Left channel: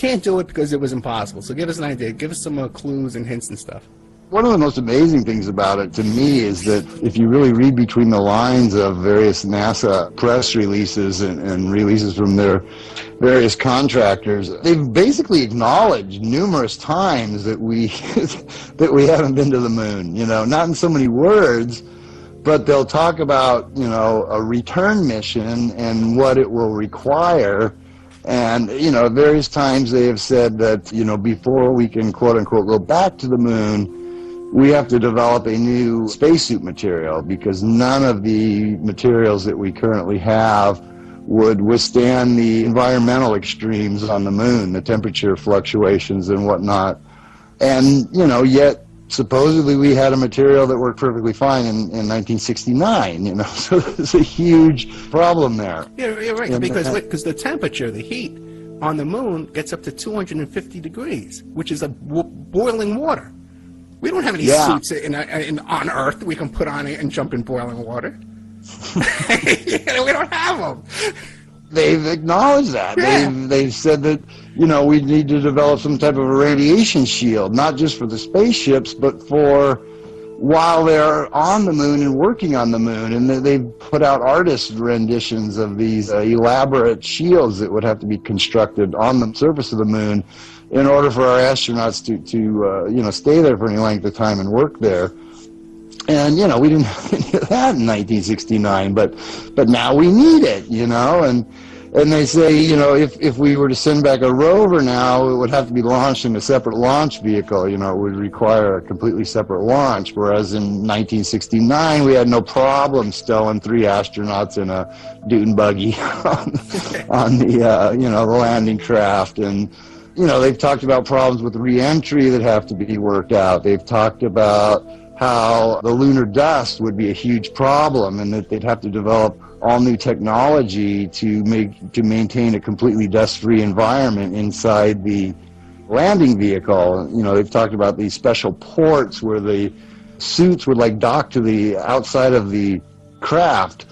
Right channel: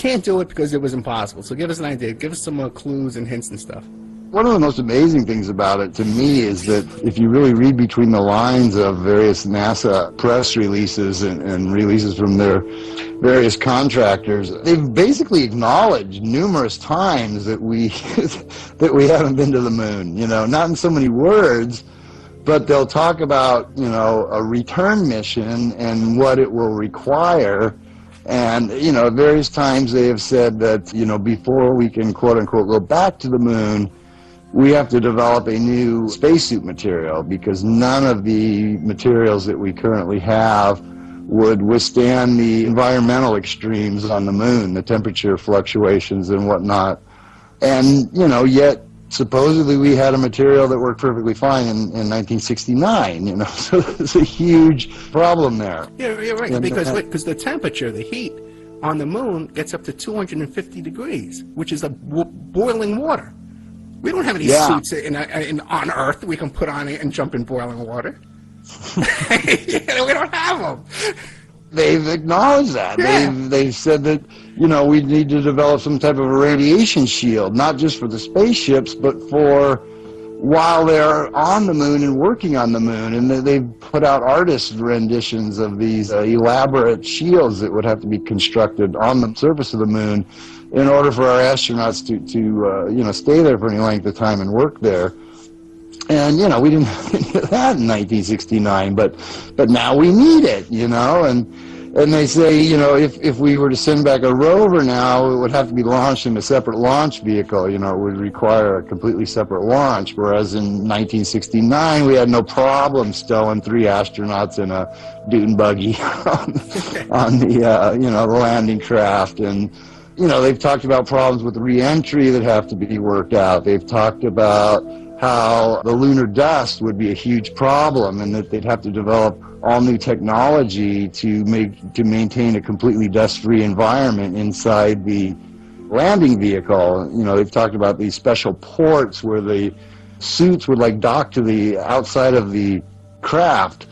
can't do it because it was impossible. So give us an idea. Give us some clues and hints and stuff. One of the most amazing things about it to me is that if you really read between the lines of various NASA press releases and releases from their various contractors, they've basically acknowledged numerous times that we that we haven't been to the moon. You know, not in so many words, but they'll talk about, you know, a return mission and what it will require. And, you know, various times they have said that, you know, before we can quote unquote go back to the moon, we have to develop a new spacesuit material, because none of the materials that we currently have would withstand the environmental extremes on the moon, the temperature fluctuations and whatnot. And, you know, yet supposedly we had a material that worked perfectly fine in 1969, you know, so there's a huge problem there. Yeah, you're right, and, because the temperature, the heat on the moon gets up to 250 degrees, which is boiling water. We don't have any suits on Earth we can put on it and jump in boiling water. We don't have them. They've acknowledged that. Yeah. They've said that, you know, we need to develop some type of a radiation shield, not just for the spaceships, but for while they're on the moon and working on the moon. And they've put out artist renditions of these elaborate shields that would have to be constructed on the surface of the moon in order for our astronauts to you know, stay there for any length of time and work there. And, you know, we didn't have any of that in 1969, but now we need it, you know, and they say, you know, if we were to send back a rover now, it would have to be launched in a separate launch vehicle, you know, it would require a completely separate launch, whereas in 1969 we had no problem stowing 3 astronauts in a dune buggy on the, you know, the landing craft. And, you know, they've talked about problems with re-entry that have to be worked out. They've talked about how the lunar dust would be a huge problem and that they'd have to develop all new technology to maintain a completely dust-free environment inside the landing vehicle. You know, they've talked about these special ports where the suits would like dock to the outside of the craft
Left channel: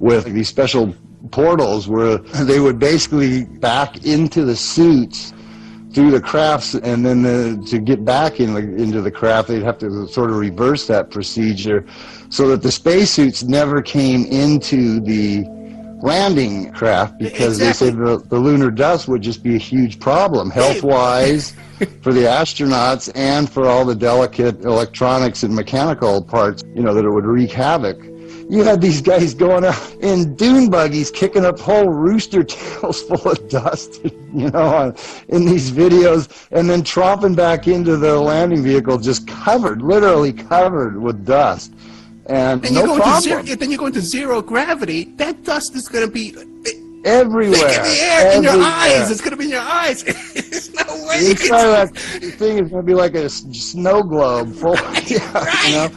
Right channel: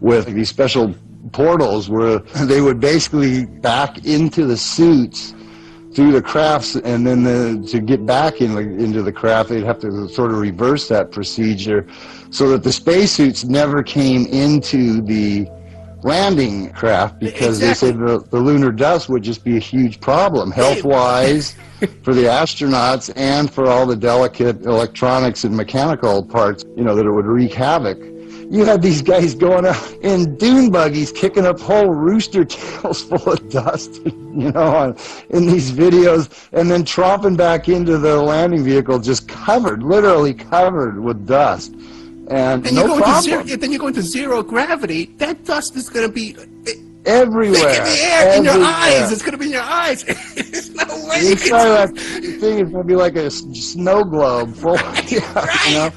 with these special portals where they would basically back into the suits through the crafts, and then to get back into the craft, they'd have to sort of reverse that procedure so that the spacesuits never came into the landing craft, because they said the lunar dust would just be a huge problem health-wise for the astronauts and for all the delicate electronics and mechanical parts, you know, that it would wreak havoc. You had these guys going out in dune buggies, kicking up whole rooster tails full of dust, you know, in these videos, and then dropping back into the landing vehicle just covered, literally covered with dust. And no problem. Then you go into zero gravity, that dust is going to be everywhere. In the air, in your eyes. It's going to be in your eyes. There's no way you can... That thing is going to be like a snow globe full, you know.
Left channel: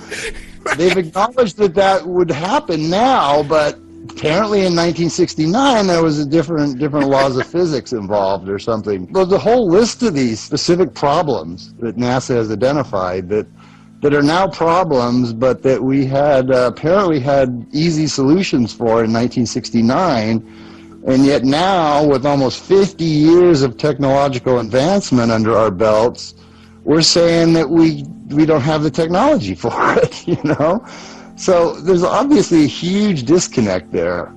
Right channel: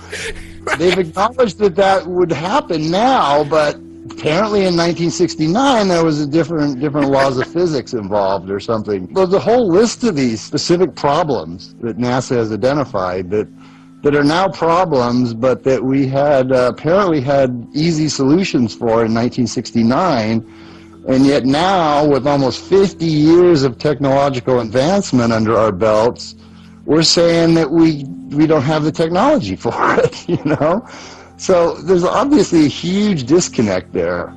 They've acknowledged that would happen now, but apparently in 1969 there was a different laws of physics involved or something. But the whole list of these specific problems that NASA has identified that are now problems, but that we had apparently had easy solutions for in 1969, and yet now with almost 50 years of technological advancement under our belts, we're saying that we don't have the technology for it, you know? So there's obviously a huge disconnect there.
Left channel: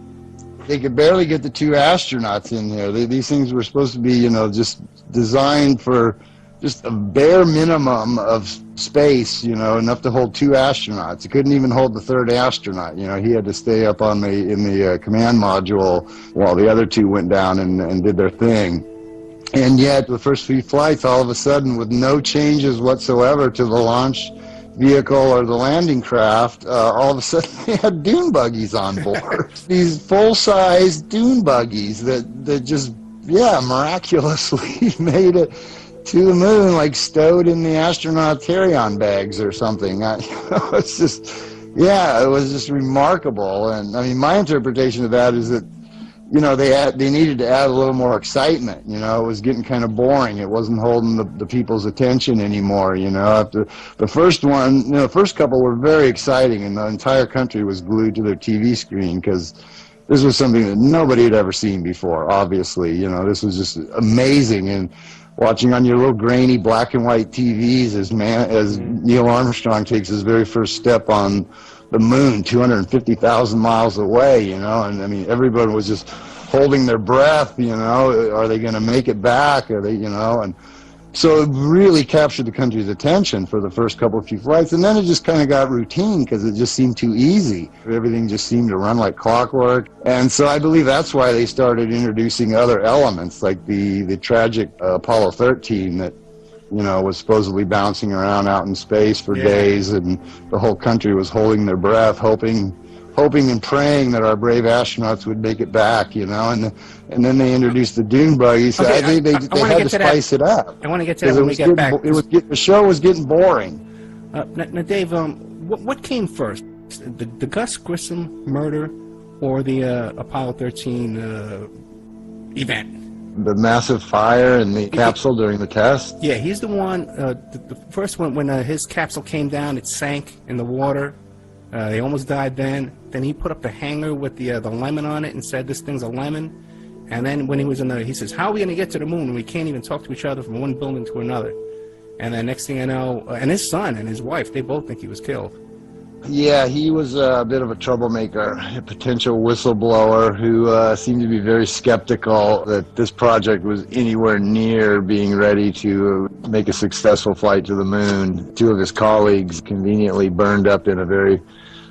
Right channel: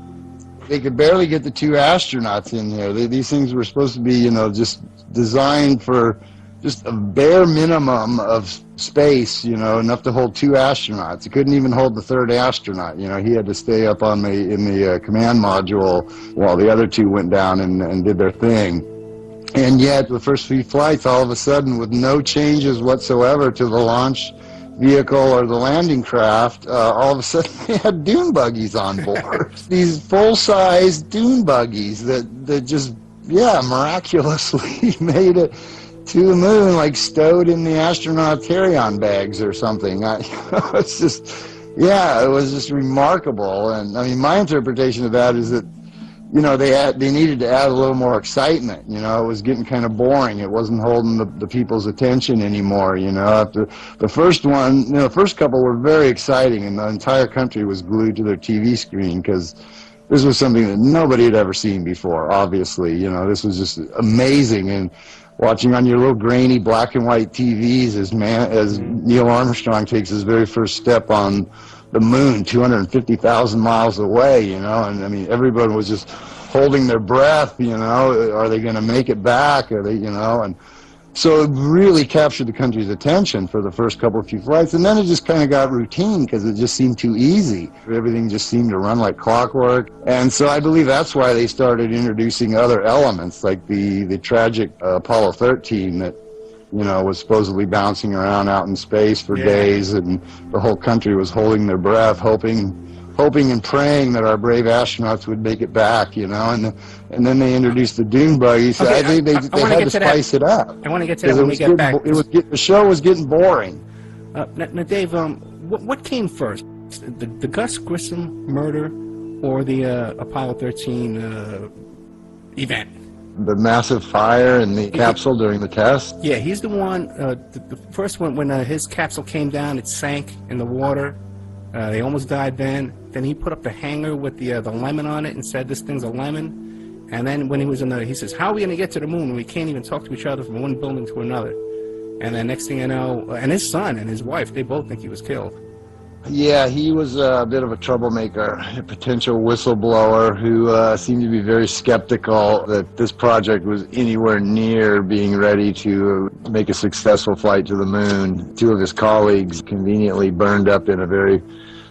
They could barely get the 2 astronauts in there. These things were supposed to be, you know, just designed for just a bare minimum of space, you know, enough to hold 2 astronauts. It couldn't even hold the 3rd astronaut. You know, he had to stay up in the command module while the other 2 went down and did their thing. And yet, the first few flights, all of a sudden, with no changes whatsoever to the launch vehicle or the landing craft, all of a sudden they had dune buggies on board. These full-size dune buggies that just, miraculously made it to the moon, like stowed in the astronaut carry-on bags or something. It's just, it was just remarkable. And I mean, my interpretation of that is that, you know, they needed to add a little more excitement. You know, it was getting kind of boring. It wasn't holding the people's attention anymore. You know, after the first one, you know, the first couple were very exciting, and the entire country was glued to their TV screen because this was something that nobody had ever seen before. Obviously, you know, this was just amazing. And watching on your little grainy black and white TVs as Neil Armstrong takes his very first step on the moon, 250,000 miles away, you know, and I mean, everybody was just holding their breath, you know, are they going to make it back? Are they, you know, and so it really captured the country's attention for the first couple of few flights, and then it just kind of got routine because it just seemed too easy. Everything just seemed to run like clockwork, and so I believe that's why they started introducing other elements, like the tragic Apollo 13 that, you know, was supposedly bouncing around out in space for days, and the whole country was holding their breath, hoping and praying that our brave astronauts would make it back, you know, and then they introduced the dune buggy, so I think they had to spice it up. I want to get to that when we get back. The show was getting boring. Now, Dave, what came first, the Gus Grissom murder or the Apollo 13 event? The massive fire in the capsule during the test? Yeah, he's the one, the first one, when his capsule came down, it sank in the water. They almost died then. Then he put up the hanger with the lemon on it and said, this thing's a lemon. And then when he was he says, how are we going to get to the moon when we can't even talk to each other from one building to another? And then next thing you know, and his son and his wife, they both think he was killed. Yeah, he was a bit of a troublemaker, a potential whistleblower who seemed to be very skeptical that this project was anywhere near being ready to make a successful flight to the moon. Two of his colleagues conveniently burned up in a very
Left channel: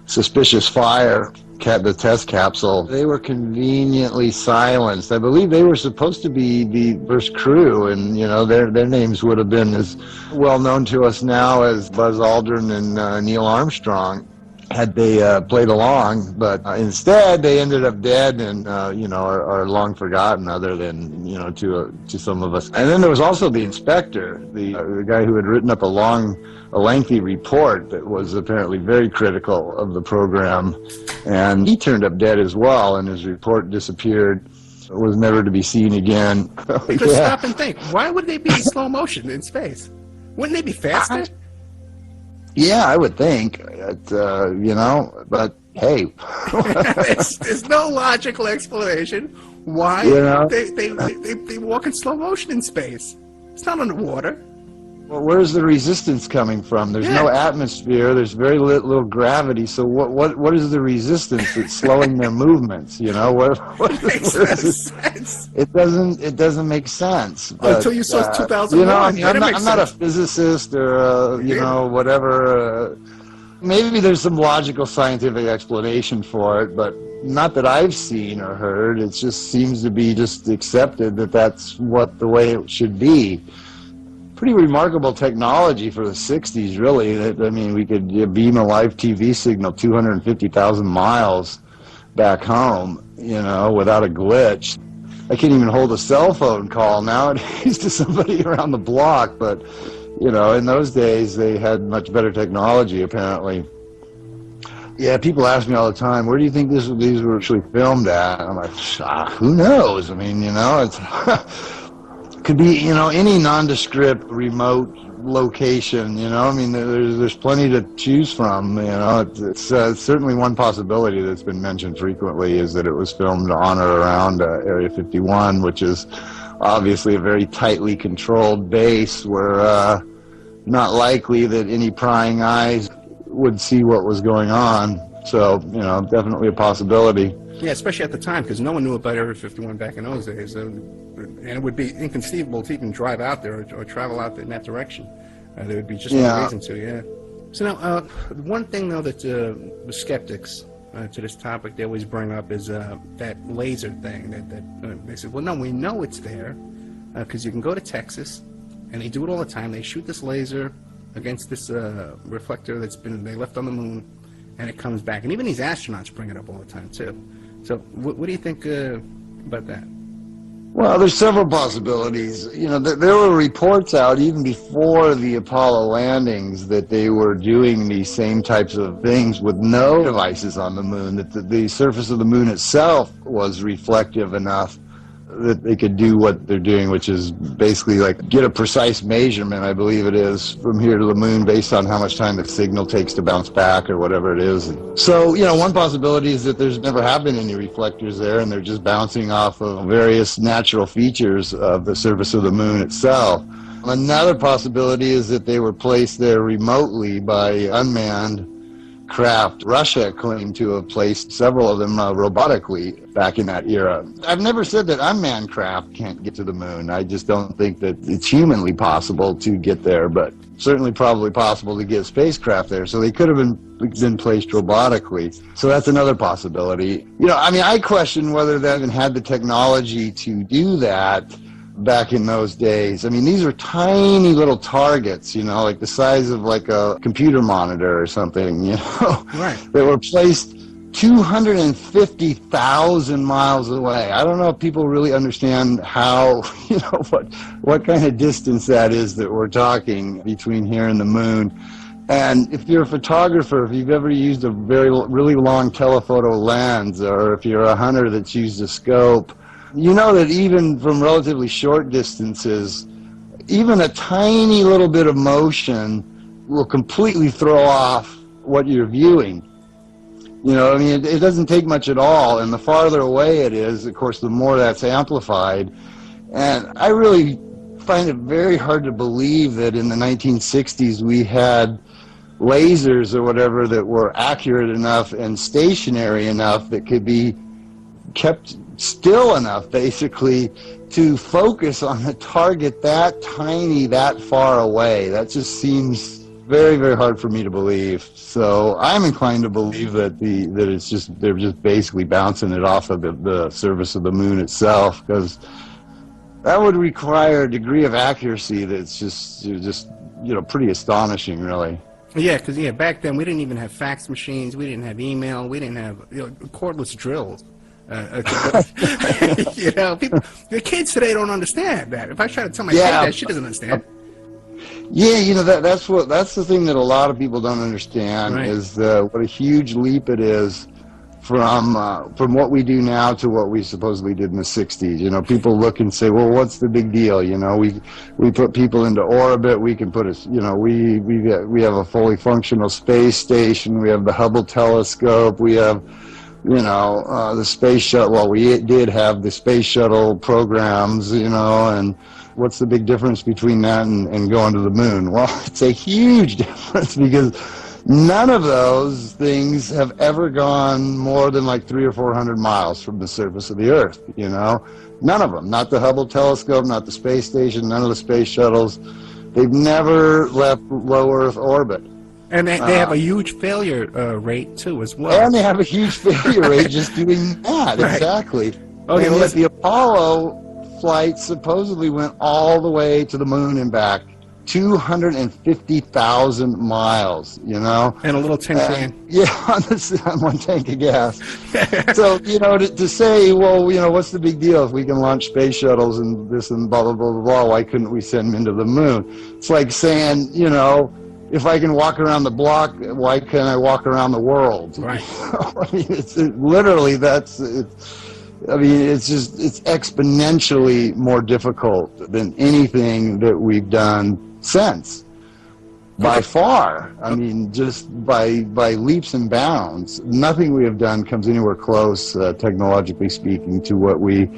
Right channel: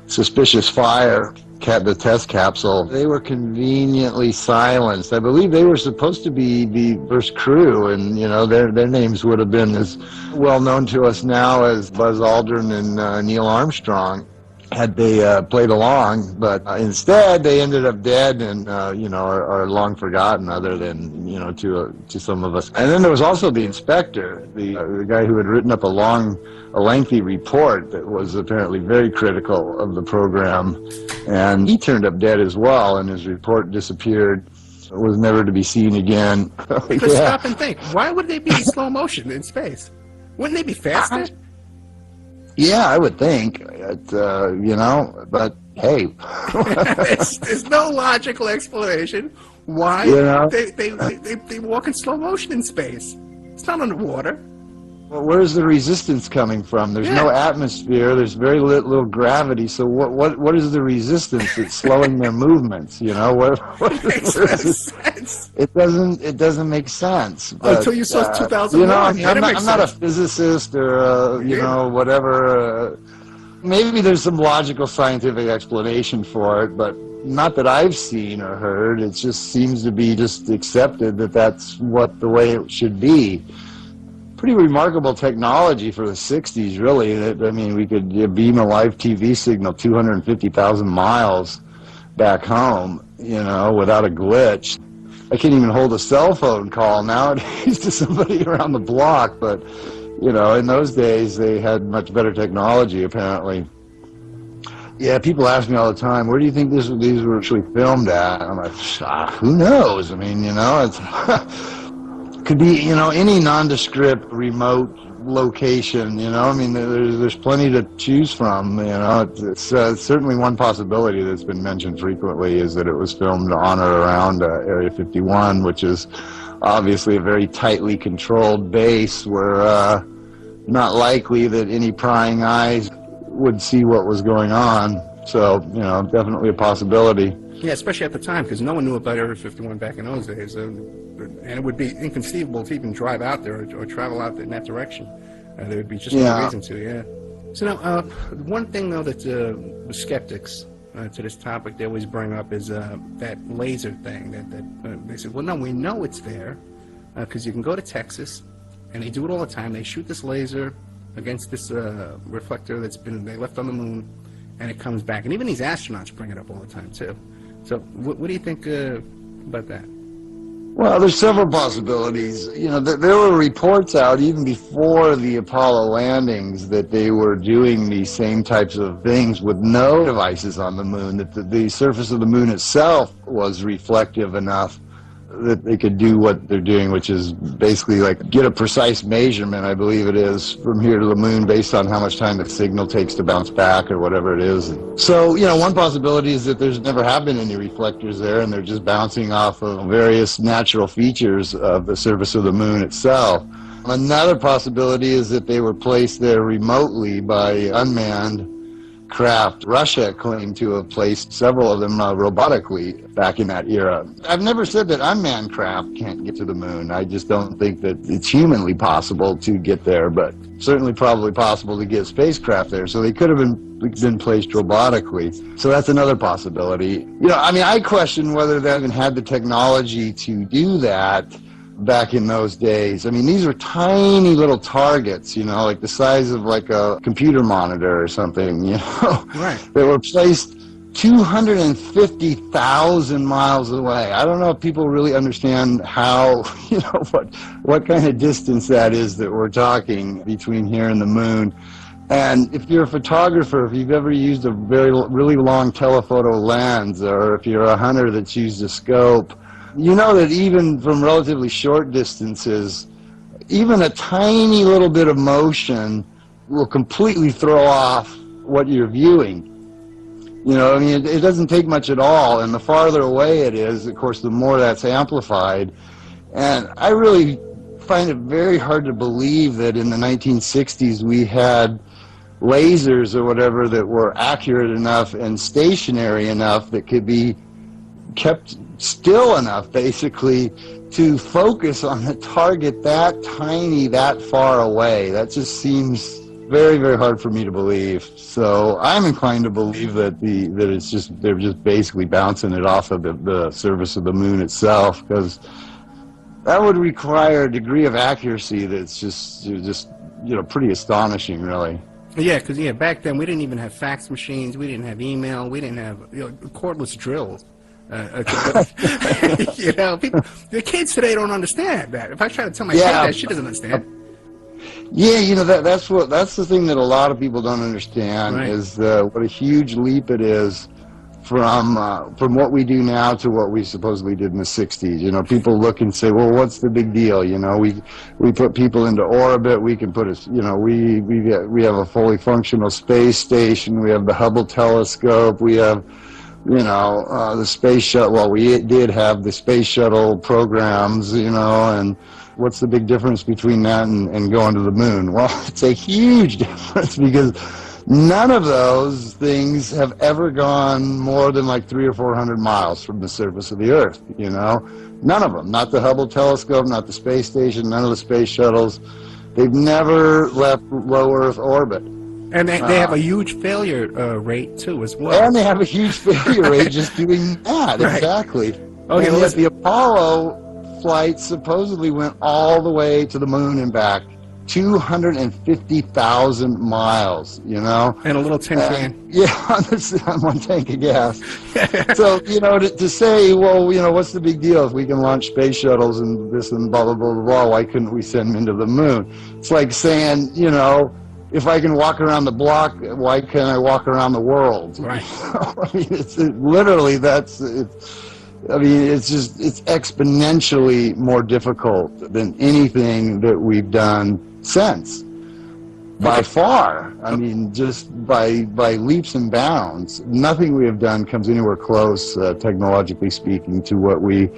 suspicious fire the test capsule. They were conveniently silenced. I believe they were supposed to be the first crew, and you know their names would have been as well known to us now as Buzz Aldrin and Neil Armstrong had they played along, but instead they ended up dead and you know are long forgotten, other than you know to some of us. And then there was also the inspector, the guy who had written up a lengthy report that was apparently very critical of the program, and he turned up dead as well, and his report disappeared, was never to be seen again. Because stop and think, why would they be in slow motion in space? Wouldn't they be faster? Yeah, I would think, you know, but hey. There's no logical explanation why they walk in slow motion in space. It's not underwater. Well, where's the resistance coming from? There's no atmosphere. There's very little gravity. So what is the resistance that's slowing their movements? You know, what makes sense? It doesn't make sense. But, until you saw 2001. You know, I'm not a physicist or you know whatever. Maybe there's some logical scientific explanation for it, but not that I've seen or heard. It just seems to be just accepted that that's the way it should be. Pretty remarkable technology for the 60s, really. I mean, we could beam a live TV signal 250,000 miles back home, you know, without a glitch. I can't even hold a cell phone call nowadays to somebody around the block, but, you know, in those days they had much better technology, apparently. Yeah, people ask me all the time, where do you think these were actually filmed at? I'm like, who knows? I mean, you know, it's... could be, you know, any nondescript remote location, you know. I mean, there's plenty to choose from, you know. It's certainly one possibility that's been mentioned frequently is that it was filmed on or around Area 51, which is obviously a very tightly controlled base where not likely that any prying eyes would see what was going on. So, you know, definitely a possibility. Yeah, especially at the time, because no one knew about Area 51 back in those days. And it would be inconceivable to even drive out there or travel out there in that direction. There would be just no reason to, yeah. So now, one thing, though, that the skeptics to this topic they always bring up is that laser thing. That they said, well, no, we know it's there because you can go to Texas, and they do it all the time. They shoot this laser against this reflector they left on the moon, and it comes back. And even these astronauts bring it up all the time, too. So what do you think about that? Well, there's several possibilities. You know, there were reports out even before the Apollo landings that they were doing these same types of things with no devices on the moon, that the surface of the moon itself was reflective enough that they could do what they're doing, which is basically like get a precise measurement, I believe it is, from here to the moon based on how much time the signal takes to bounce back or whatever it is. So, one possibility is that there's never have been any reflectors there, and they're just bouncing off of various natural features of the surface of the moon itself. Another possibility is that they were placed there remotely by unmanned craft. Russia claimed to have placed several of them robotically back in that era. I've never said that unmanned craft can't get to the moon. I just don't think that it's humanly possible to get there, but certainly probably possible to get spacecraft there. So they could have been placed robotically. So that's another possibility. I question whether they even had the technology to do that back in those days. These are tiny little targets, like the size of like a computer monitor or something, Right. They were placed 250,000 miles away. I don't know if people really understand how, what kind of distance that is that we're talking between here and the moon. And if you're a photographer, if you've ever used a really long telephoto lens, or if you're a hunter that's used a scope, you know that even from relatively short distances, even a tiny little bit of motion will completely throw off what you're viewing. It doesn't take much at all, and the farther away it is, of course, the more that's amplified. And I really find it very hard to believe that in the 1960s we had lasers or whatever that were accurate enough and stationary enough that could be kept still enough, basically, to focus on a target that tiny, that far away. That just seems very, very hard for me to believe. So I'm inclined to believe that they're just basically bouncing it off of the surface of the moon itself, because that would require a degree of accuracy that's just pretty astonishing, really. Yeah, because back then we didn't even have fax machines, we didn't have email, we didn't have cordless drills. The kids today don't understand that. If I try to tell my kid that, she doesn't understand. Yeah, that's the thing that a lot of people don't understand, right, is what a huge leap it is from what we do now to what we supposedly did in the 60s. People look and say, well, what's the big deal? We put people into orbit. We can put we have a fully functional space station. We have the Hubble telescope. We have the space shuttle. Well, we did have the space shuttle programs, and what's the big difference between that and going to the moon? Well, it's a huge difference, because none of those things have ever gone more than like 300 or 400 miles from the surface of the Earth, None of them. Not the Hubble telescope, not the space station, none of the space shuttles. They've never left low Earth orbit. And they have a huge failure rate, too, as well. And they have a huge failure rate just doing that, right. Exactly. Okay, well, the Apollo flight supposedly went all the way to the moon and back, 250,000 miles, And a little tin can. On one tank of gas. So, to say, well, what's the big deal if we can launch space shuttles and this and blah, blah, blah, blah, blah, why couldn't we send them into the moon? It's like saying, if I can walk around the block, why can't I walk around the world? Right. It's exponentially more difficult than anything that we've done since. By far. Just by leaps and bounds. Nothing we have done comes anywhere close, technologically speaking, to what we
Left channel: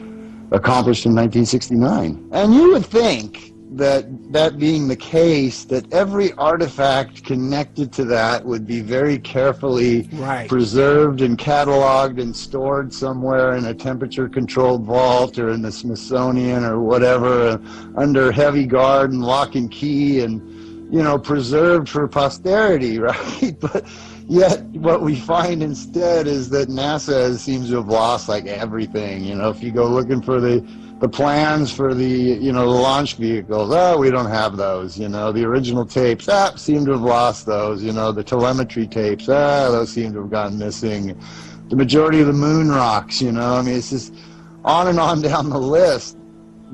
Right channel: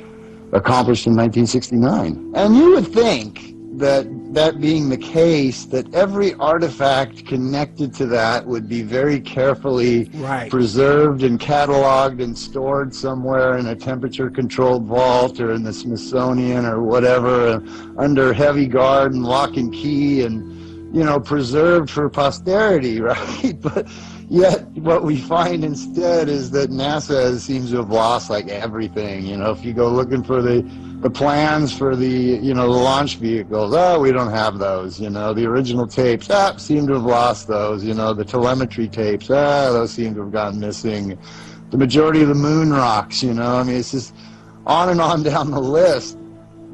accomplished in 1969. And you would think that being the case, that every artifact connected to that would be very carefully preserved and cataloged and stored somewhere in a temperature-controlled vault or in the Smithsonian or whatever, under heavy guard and lock and key, and preserved for posterity, right? But yet what we find instead is that NASA seems to have lost like everything. If you go looking for the plans for the launch vehicles, we don't have those. The original tapes, seem to have lost those. The telemetry tapes, those seem to have gone missing. The majority of the moon rocks, it's just on and on down the list.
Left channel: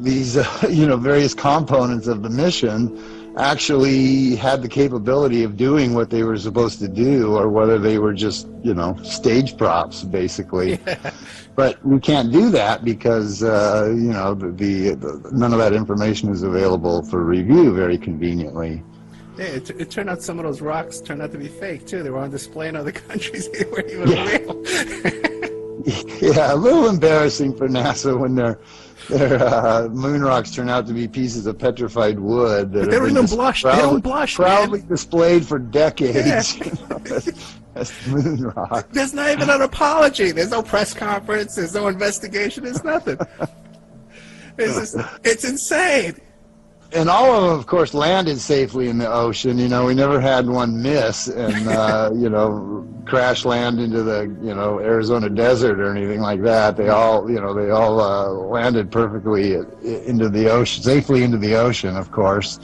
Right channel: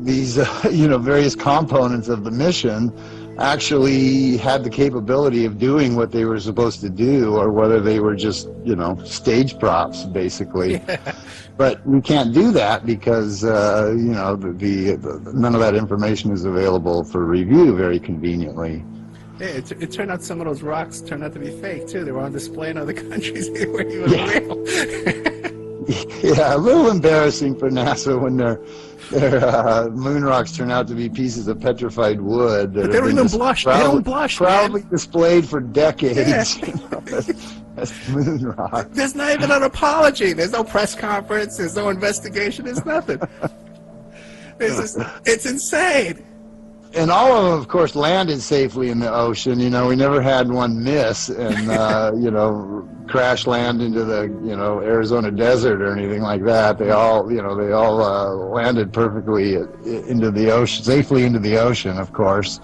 These various components of the mission. actually had the capability of doing what they were supposed to do, or whether they were just, stage props, basically. Yeah. But we can't do that because, none of that information is available for review very conveniently. Yeah, it turned out some of those rocks turned out to be fake, too. They were on display in other countries. They weren't even real. Yeah, a little embarrassing for NASA when their moon rocks turn out to be pieces of petrified wood. But they don't even blush. They don't blush, Proudly displayed for decades. Yeah. As moon rock. There's not even an apology. There's no press conference. There's no investigation. There's nothing. It's insane. And all of them, of course, landed safely in the ocean. We never had one miss and, crash land into the, Arizona desert or anything like that. They all landed perfectly into the ocean, safely into the ocean, of course.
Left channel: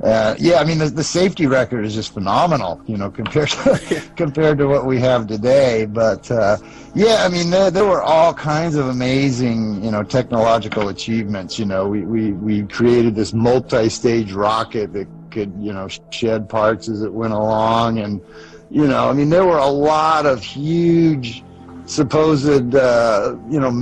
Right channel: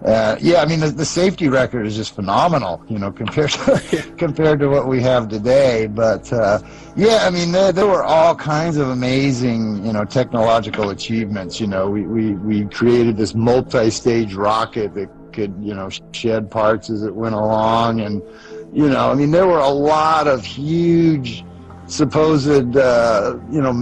The safety record is just phenomenal, compared to what we have today. But there were all kinds of amazing, technological achievements. We created this multi-stage rocket that could, shed parts as it went along, and there were a lot of huge supposed,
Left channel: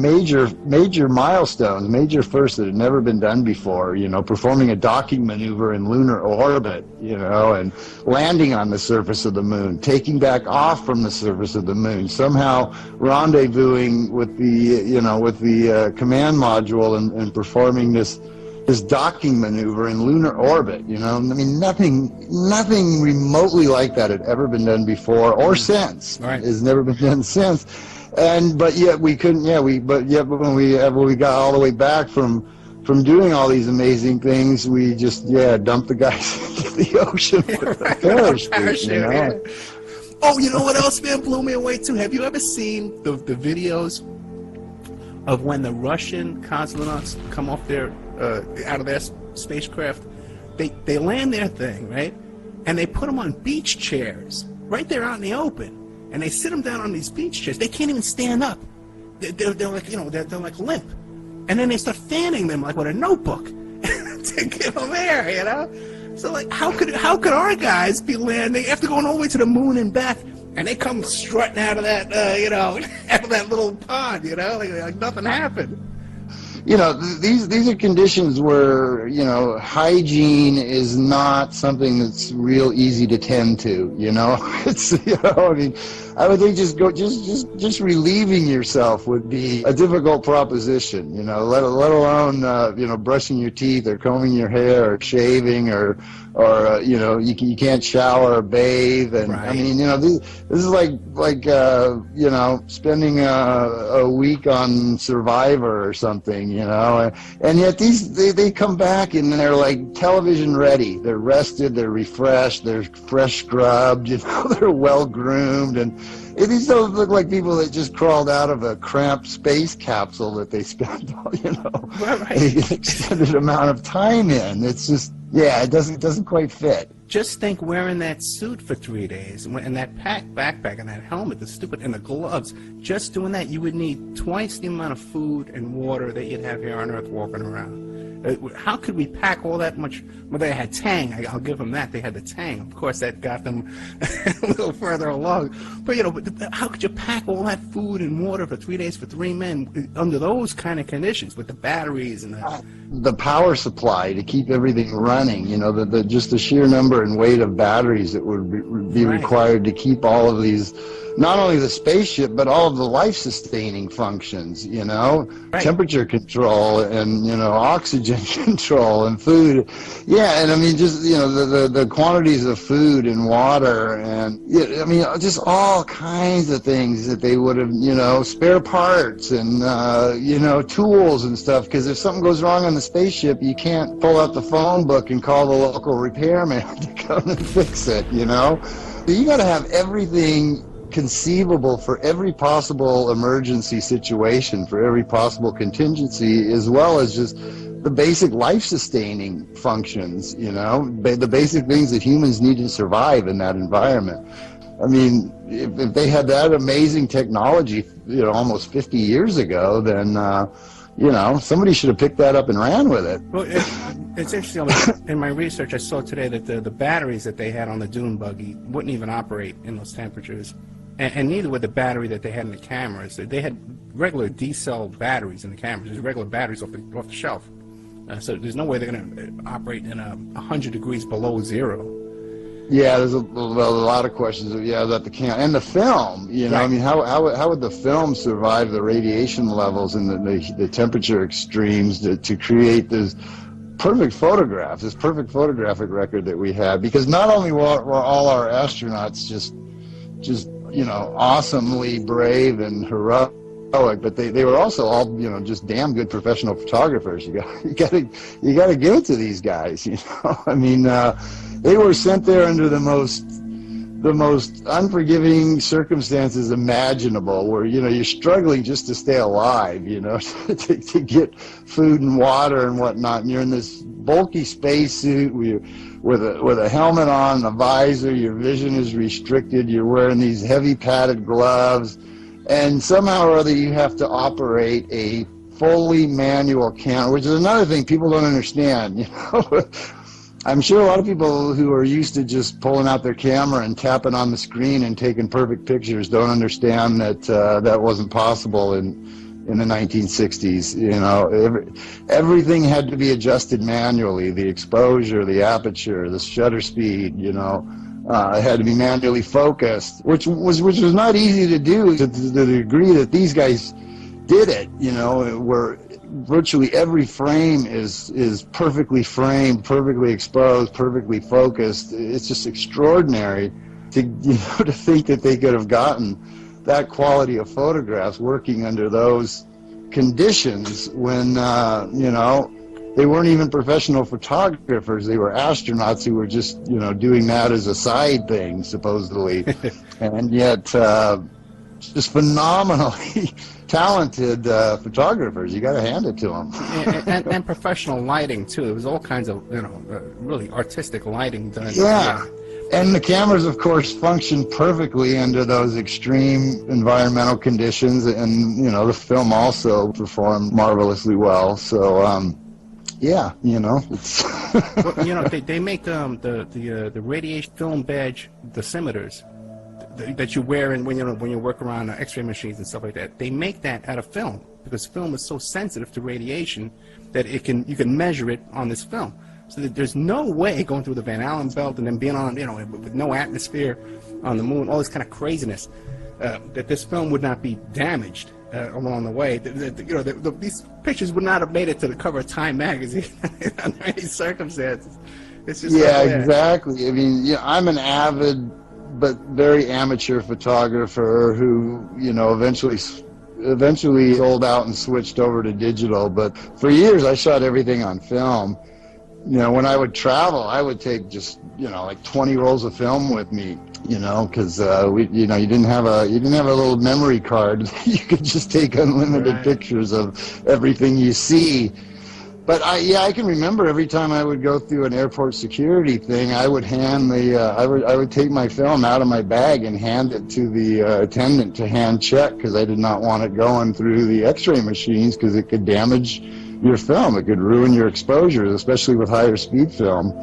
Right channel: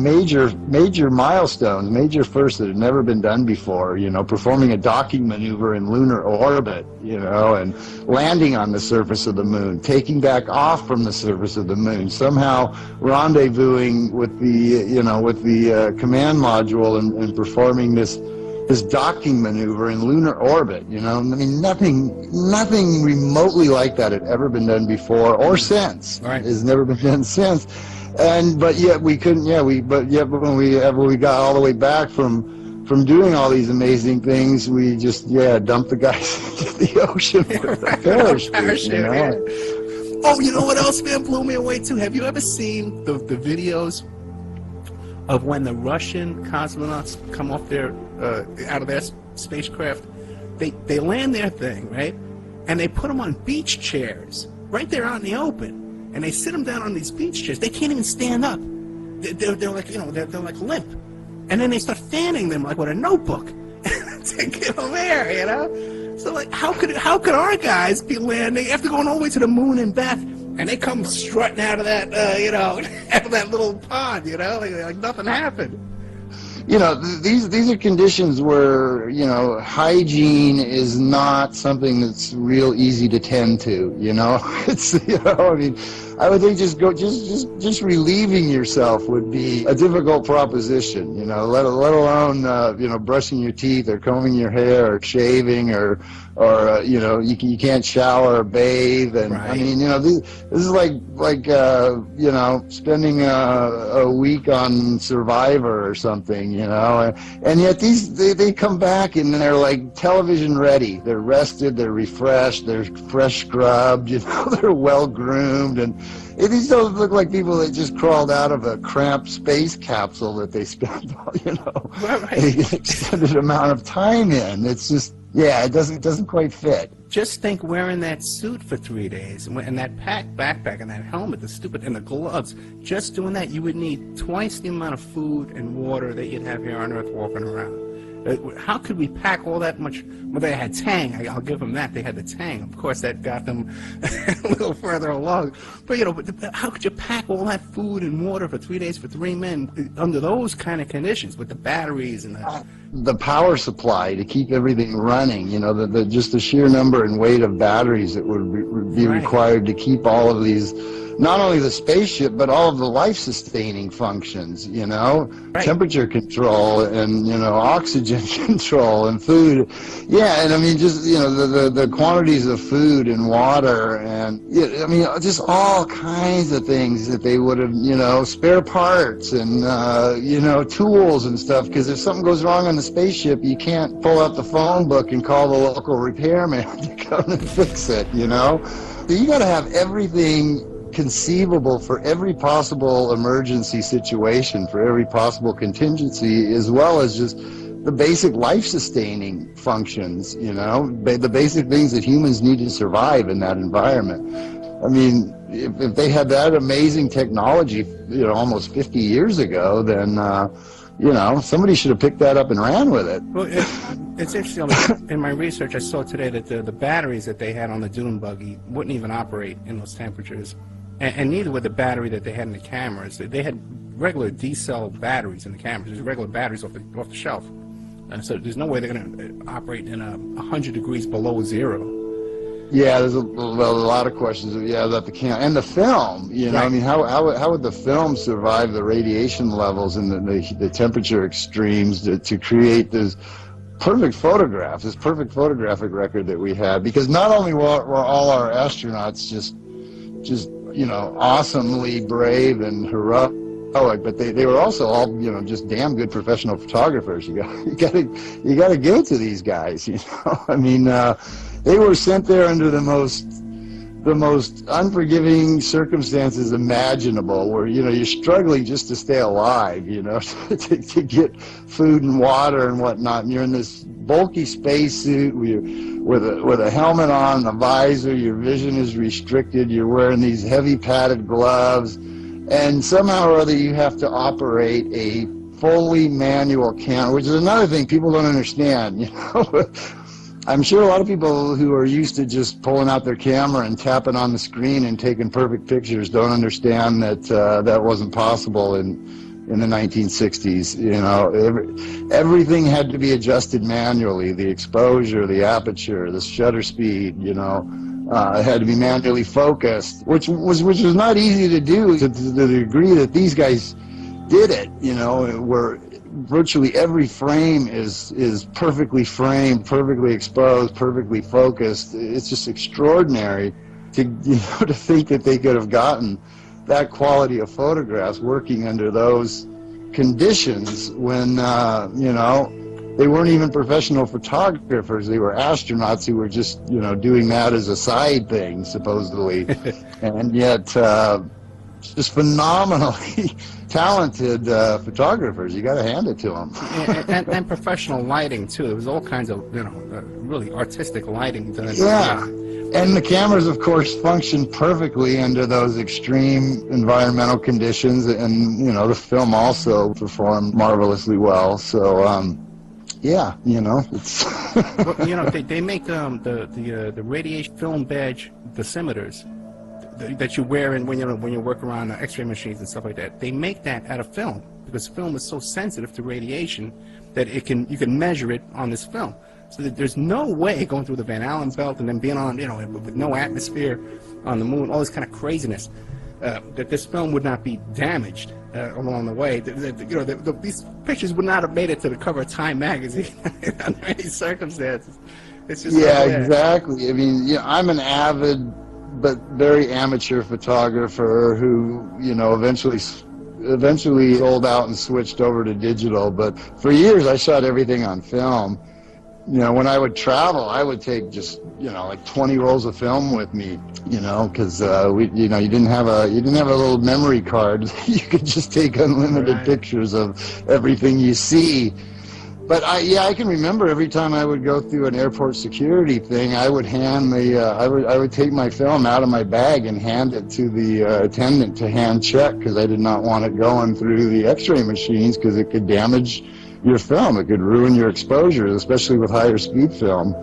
major milestones, major firsts that had never been done before, performing a docking maneuver in lunar orbit, and landing on the surface of the moon, taking back off from the surface of the moon, somehow rendezvousing with the command module and performing this docking maneuver in lunar orbit, nothing remotely like that had ever been done before or since. Right. Has never been done since. But yet we couldn't. When we got all the way back from doing all these amazing things, we just dumped the guys into the ocean with a parachute. Oh, you know what else, man, blew me away too? Have you ever seen the videos of when the Russian cosmonauts come off out of their spacecraft? They land their thing, right, and they put them on beach chairs right there out in the open. And they sit them down on these beach chairs. They can't even stand up. They're like, they're like limp. And then they start fanning them like with a notebook to give them air, So like, how could our guys be landing after going all the way to the moon and back, and they come strutting out of that, out of that little pod, like nothing happened. These are conditions where, hygiene is not something that's real easy to tend to, It's, I would think just relieving yourself would be a difficult proposition, let alone, brushing your teeth or combing your hair or shaving or you can't shower or bathe. And right. This is like spending a week on Survivor or something, and yet they come back and they're like television ready. They're rested, they're refreshed, they're fresh scrubbed, they're well groomed, and these don't look like people that just crawled out of a cramped space capsule that they spent, an extended amount of time in. It's just, it doesn't quite fit. Just think wearing that suit for 3 days and that backpack and that helmet, and the gloves. Just doing that, you would need twice the amount of food and water that you'd have here on Earth walking around. How could we pack all that much? Well, they had Tang. I'll give them that. They had the Tang. Of course, that got them a little further along. But, how could you pack all that food and water for 3 days for 3 men under those kind of conditions with the batteries and the power supply to keep everything running? Just the sheer number and weight of batteries that would be required to keep all of these, not only the spaceship, but all of the life-sustaining functions, temperature control and, oxygen control and food. Yeah, and just, the quantities of food and water and, just all kinds of things that they would have, spare parts and, tools and stuff, because if something goes wrong on the spaceship, you can't pull out the phone book and call the local repairman to come and fix it, You got to have everything conceivable for every possible emergency situation, for every possible contingency, as well as just the basic life-sustaining functions, the basic things that humans need to survive in that environment. If they had that amazing technology, almost 50 years ago, then somebody should have picked that up and ran with it. Well, it's interesting. In my research, I saw today that the batteries that they had on the dune buggy wouldn't even operate in those temperatures, and neither would the battery that they had in the cameras. They had regular D-cell batteries in the cameras, just regular batteries off the shelf. So there's no way they're going to operate in 100 degrees below zero. Yeah, there's a lot of questions about the camera and the film. I mean, how would the film survive the radiation levels and the temperature extremes to create this perfect photographic record that we have? Because not only were all our astronauts just awesomely brave and heroic, but they were also all just damn good professional photographers. You got to give it to these guys. I mean, they were sent there under the most unforgiving circumstances imaginable, where you're struggling just to stay alive, to get food and water and whatnot, and you're in this bulky spacesuit with a helmet on, a visor, your vision is restricted, you're wearing these heavy padded gloves, and somehow or other you have to operate a fully manual camera, which is another thing people don't understand. I'm sure a lot of people who are used to just pulling out their camera and tapping on the screen and taking perfect pictures don't understand that that wasn't possible in the 1960s. Everything had to be adjusted manually. The exposure, the aperture, the shutter speed, it had to be manually focused, which was not easy to do to the degree that these guys did it. Where virtually every frame is perfectly framed, perfectly exposed, perfectly focused. It's just extraordinary to think that they could have gotten that quality of photographs working under those conditions when they weren't even professional photographers. They were astronauts who were just doing that as a side thing, supposedly. And yet just phenomenally talented photographers. You got to hand it to them. and professional lighting too. There was all kinds of really artistic lighting done. Yeah, and the cameras, of course, functioned perfectly under those extreme environmental conditions, and the film also performed marvelously well. So it's they make the radiation film badge dosimeters that you wear when you work around X-ray machines and stuff like that. They make that out of film because film is so sensitive to radiation that you can measure it on this film. So that there's no way going through the Van Allen belt and then being on with no atmosphere on the moon, all this kind of craziness, that this film would not be damaged along the way. These pictures would not have made it to the cover of Time magazine under any circumstances. It's just exactly. I mean, I'm an avid but very amateur photographer who, eventually sold out and switched over to digital. But for years, I shot everything on film. When I would travel, I would take just, like 20 rolls of film with me, because you didn't have a little memory card. You could just take unlimited pictures of everything you see. But I can remember every time I would go through an airport security thing, I would hand I would take my film out of my bag and hand it to the attendant to hand check, because I did not want it going through the X-ray machines, because it could damage your film. It could ruin your exposure, especially with higher speed film.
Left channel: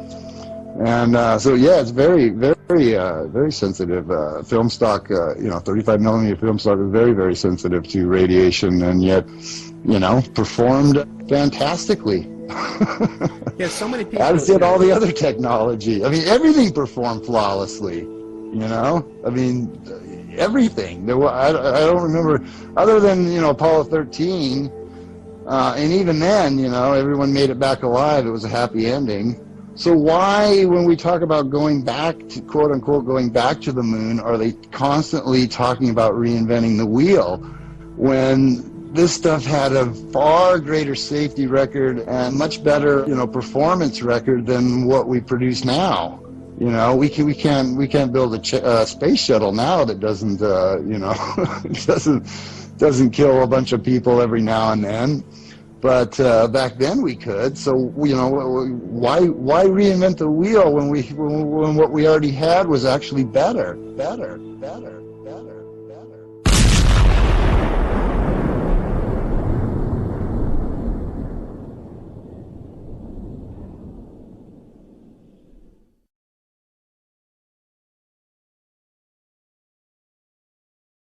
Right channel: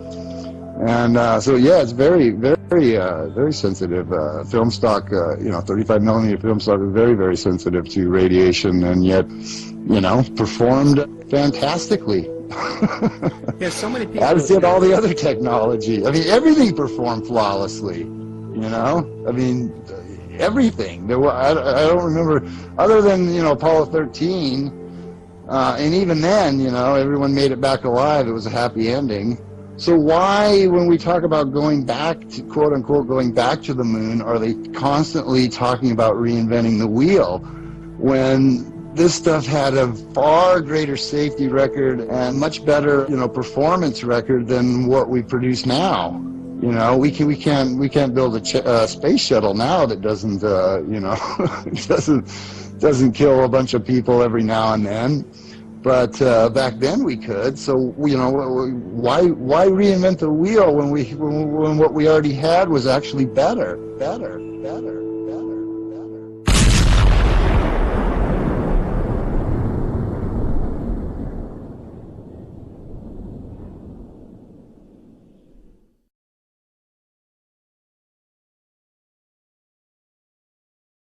And it's very, very, very sensitive. Film stock, 35 millimeter film stock is very, very sensitive to radiation, and yet, performed fantastically. Yeah, so many people. As did all the other technology. I mean, everything performed flawlessly. I mean, everything. I don't remember, other than Apollo 13, and even then, everyone made it back alive. It was a happy ending. So why, when we talk about going back to, quote unquote, going back to the moon, are they constantly talking about reinventing the wheel, when this stuff had a far greater safety record and much better, performance record than what we produce now? We can't build a space shuttle now that doesn't, doesn't kill a bunch of people every now and then. But back then we could. So why reinvent the wheel when what we already had was actually better?